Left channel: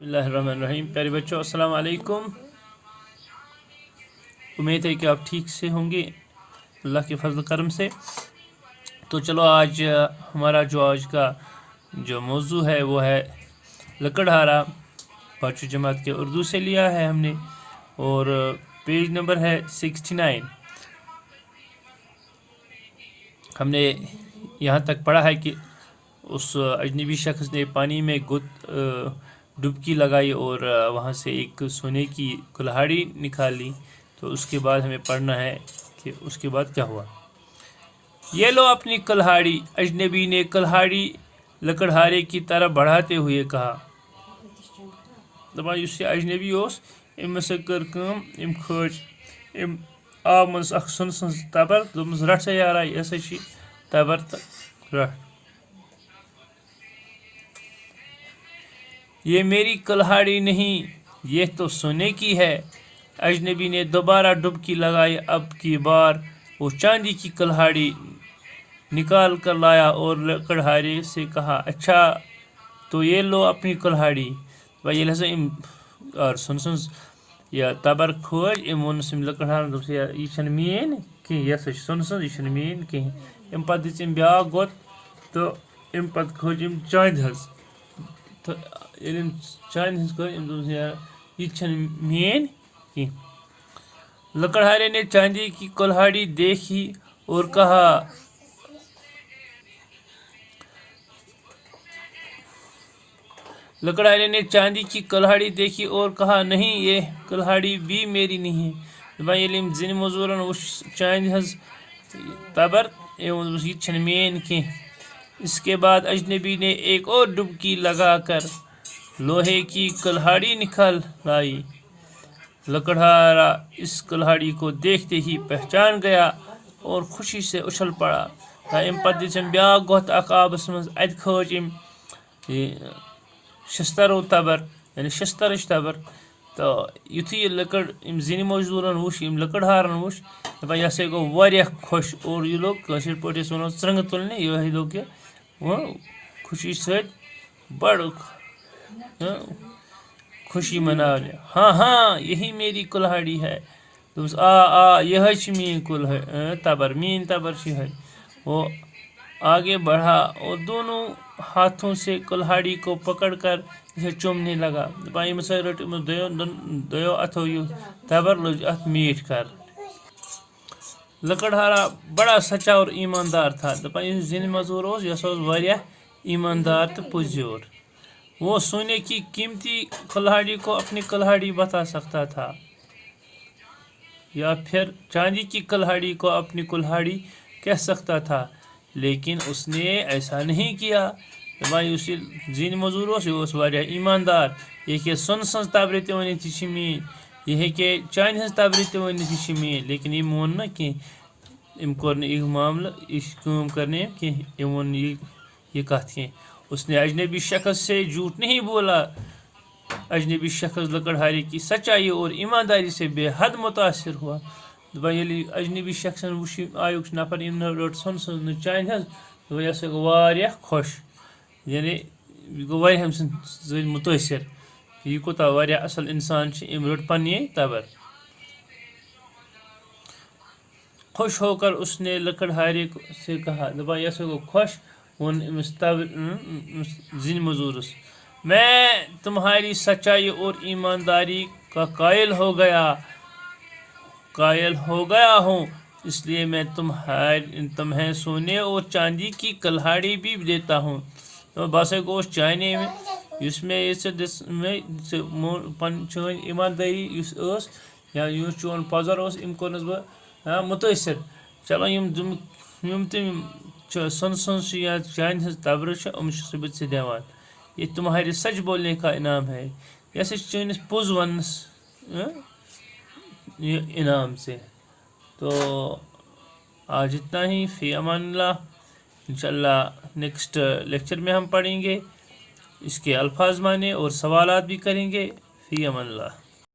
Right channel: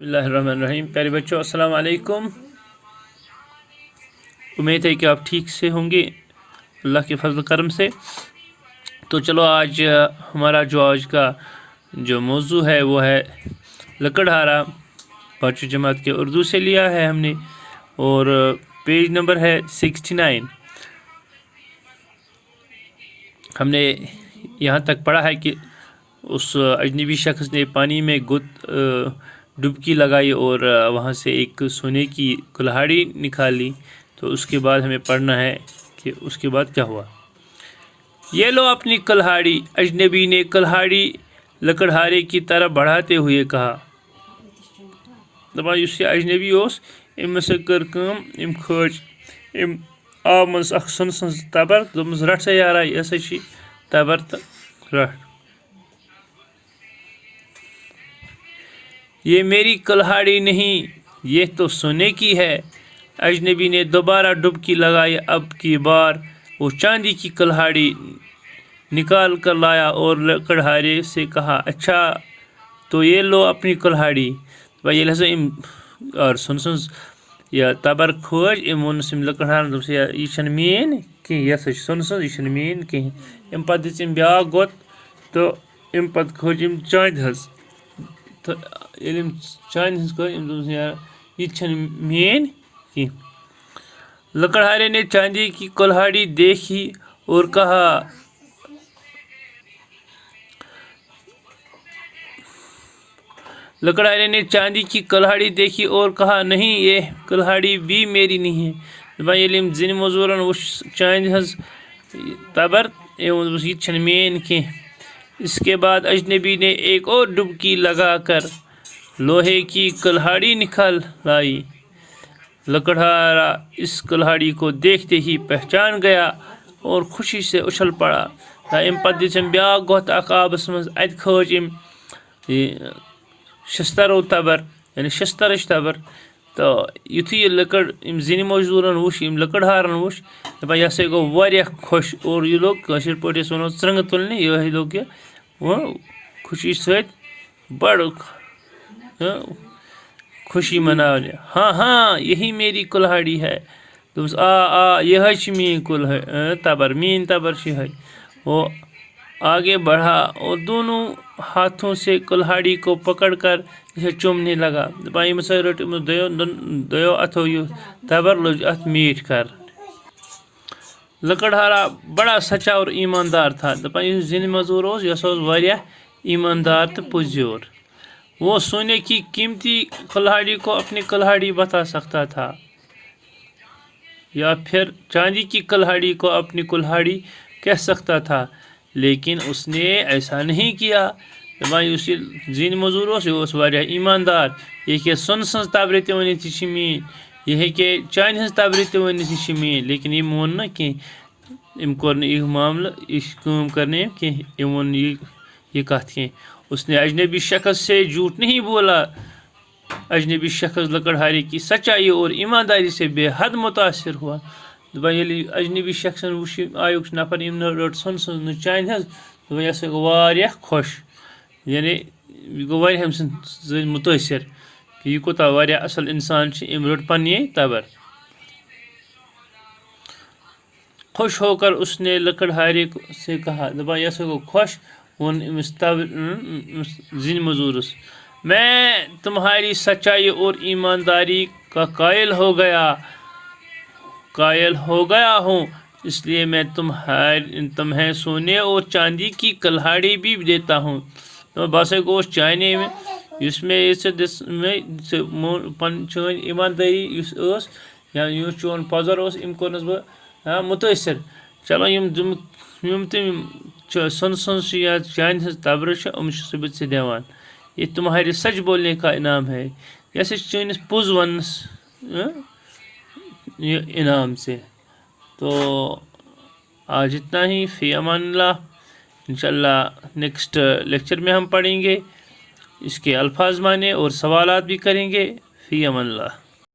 بسم اللہ الرحمن الرحیم۔ پیارے بچوں السلام علیکم۔ امید ہے کہ آپ ٹھیک سے ہوں گے اللہ کے فضل کرم سے۔ تو چلو آج ہمارا آج کا جو موضوع ہے وہ ہے لکڑہارا، پانچویں جماعت کے اردو سے لیا ہے ہم نے، اور پیج نمبر ہے 69۔ ہم نے یہاں تک پڑھا ہے کہ اس اجنبی شخص نے پانی میں ڈبکی لگائی اور وہاں سے ایک سونے کی کلہاڑی نکالی۔ تو اس کے بعد ہمیں پڑھنا ہے کہ اس کے بعد کیا ہوا۔ یہ لو اپنی کلہاڑی، اجنبی نے کلہاڑی لکڑہارے کی طرف بڑھاتے ہوئے کہا۔ دپان اس یہ اجنبی اس امس کر کم ام کھج ام آب مز اخ سن سن تبر دمس رٹ سا یارا یہ ہسا چھ تبر تو رٹ۔ یہ میری کلہاڑی نہیں، یہ تو سونے کی ہے۔ اجنبی نے دوبارہ ڈبکی لگائی۔ اب کی بار وہ چاندی کی کلہاڑی نکال کر لایا اور لکڑہارے سے کہا، اچھا تو یہ لو اپنی کلہاڑی۔ بھائی یہ ہسا اور سن سن یا تبر کھوج ام ونس لکڑہارن دوپس یہ چھن مین کہ یہ سا سن سن یہ چھن مین کہ ام پتہ دِژ ام بیاکھ گوت تو ام پتہ کھوج ام چاندِ ہز تو ییٚلہِ ام چاندِ ہز کھوج ام دوپس یہ چھن مین کہ۔ لکڑہارے نے چاندی کی کلہاڑی دیکھی اور کہا، لکڑہارے نے چاندی کی کلہاڑی دیکھی اور کہا، نہیں یہ کلہاڑی بھی میری نہیں ہے۔ دپان ییٚلہِ ام زِنہِ موٚزوٗرن وُچھ چاندِ ہز تبر دوپس یہ چھن مین کینٛہہ۔ اس کے بعد اجنبی نے ایک اور ڈبکی لگا کر لوہے کی کلہاڑی نکال لائی۔ لکڑہارا اس کلہاڑی کو دیکھتے ہی پہچان گیا اور خوشی سے اچھل پڑا۔ ام پتہ دِژ ام بیاکھ گوت اخ آبس مز، اتہ کھوج ام شسترو تبر یعنی شسترچ تبر۔ تو یتھُے یہ لکڑ ام زِنہِ موٚزوٗرن وُچھ، یم لکڑہارن وُچھ، دپان یہ ہسا گوٚو واریاہ خۄش اور یہ لوگ کٲشِر پٲٹھۍ أسۍ ونو ژرٛنٛگہٕ تُلنہِ، یہ لوگ یہ وہ خوشی سۭتۍ بڑ خوشی منانے۔ ہاں ہاں یہی میری کلہاڑی ہے۔ دوپس آ یہ چھ میٛٲنۍ تبر، میٛٲنۍ تبر چھ یہے۔ وہ آگے بڑھا اور دونوں ہاتھوں سے کلہاڑی کو پکڑ کر اسے چومنے لگا۔ دپان یم ہسا رٹ دۄیو اتھو یہ تبر لوج اتھ میٖٹھۍ کر۔ لکڑہارا بڑا سچا اور ایماندار تھا۔ دپان یُس زِنہِ موٚزوٗر اوس یہ ہسا اوس واریاہ ایماندار تہٕ پُزیور۔ وہ سونے کی قیمتی کلہاڑی کو اپنی کلہاڑی بتا سکتا تھا یا پھر چاندی کی کلہاڑی کو اپنی کلہاڑی کہہ سکتا تھا، لیکن اس نے ایسا نہیں کیا۔ دپان یُس یہ زِنہِ موٚزوٗر اوس یہ اوس واریاہ ایماندار۔ یہ ہیٚکہِ سۄنہٕ سٕنٛز تبرِ تہِ ؤنِتھ یہِ چھِ میٛٲنۍ، یہ ہیٚکہِ چاندِ ہٕنٛز تبرِ تہِ ؤنِتھ یہِ چھِ میٛٲنۍ، لیکن یم ووٚن نہٕ کینٛہہ، ام کوٚر نہٕ یہِ معاملہٕ یہِ کٲم کٔر نہٕ أمۍ کینٛہہ، ام ووٚن نہٕ یہ کتھ کینٛہہ۔ اس نے اجنبی شخص سے جھوٹ نہیں بولا۔ اجنبی شخص لکڑہارے کی سچائی اور ایمانداری سے بے حد متاثر ہوا۔ دپان ییٚلہِ اجنبی شخصن وُچھ آیُک نفر یم نہٕ رٔٹ سۄنہٕ سٕنٛز نہٕ چاندِ ہٕنٛز، دپان یہ ہسا گوٚو واریاہ خۄش، یعنی یہ گوٚو واریاہ أمۍ سٕنٛدۍ سۭتۍ مُتٲثر کہ یہ کوٗتاہ واریاہ اصل انسان چھُ، أمۍ رٔٹ پننی تبر۔ خوش ہو کر اس نے لکڑہارے سے کہا، دپان یہ ہسا گوٚو خۄش، ووٚن أمِس زِنہِ موٚزوٗرس، میں تمہاری سچائی اور ایمانداری کا قائل ہو گیا ہوں، اس لیے میں تمہیں سونے اور چاندی کی کلہاڑی بھی دیتا ہوں۔ بہٕ ہسا گوٚوُس چانے یُس مےٚ چٲنۍ ایماندٲری یُس ٲس یا یُس چون پۄزر اوس أمۍ کوٚرنس بہٕ مُتٲثر۔ چلو یم تہِ سۄنہٕ سٕنٛز چھِ یا چاندِ ہٕنٛز تبرٕ چھِ یِم چھُس بہٕ ژےٚ دِوان، یہ تمہارے سچ بولنے کا انعام ہے، یہ ہسا چھِ چٲنِس پوٚز وننس یہ انعام سے۔ تو آج اتنا ہی، فی امان اللہ۔ انشاءاللہ نیکسٹ لیکچر میں ہم پڑھیں گے، اس کے الفاظ معنی اور سوالات بھی کریں گے۔ فی امان اللہ۔